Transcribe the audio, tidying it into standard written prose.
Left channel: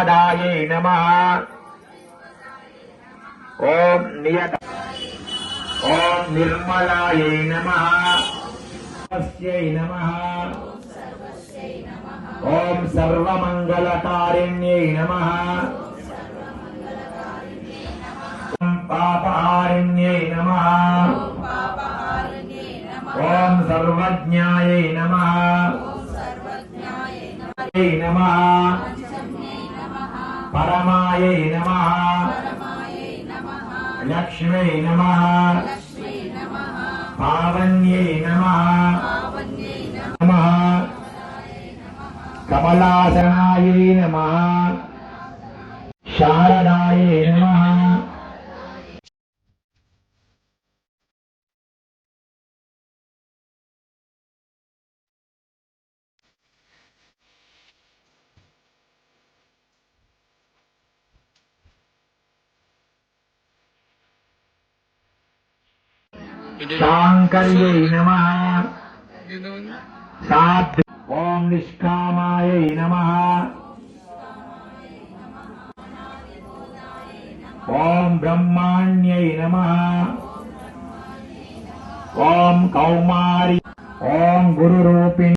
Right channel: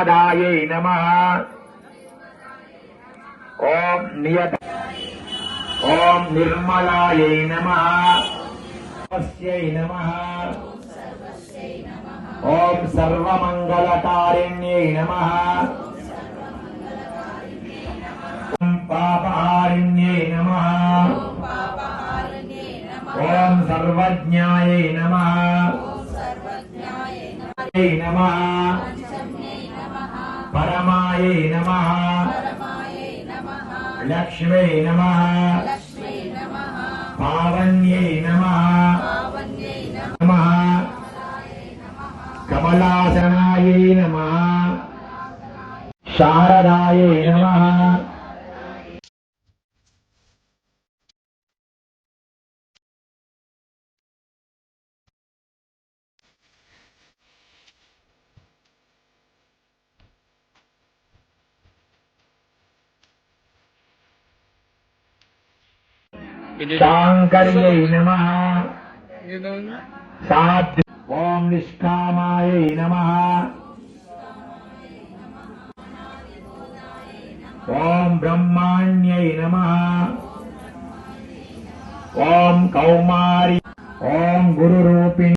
निषादायै नमः। ओम नियत ओम निर्मलायै नमः। सर्वस्यै नमः। ओम सर्वमंगलकारिण्यै नमः। ओम पापहारिण्यै नमः। ओम सर्वज्ञायै नमः। नमः परमायै नमः। लक्ष्मै नमः। पावन्यै नमः। नमः कमलासनायै नमः। शारदायै नमः। शांकर्यै नमः। साध्वी ओम निष्कामायै नमः। ओम ब्रह्माण्यै नमः। ओम कौमारी ओम गुरुरूपिणी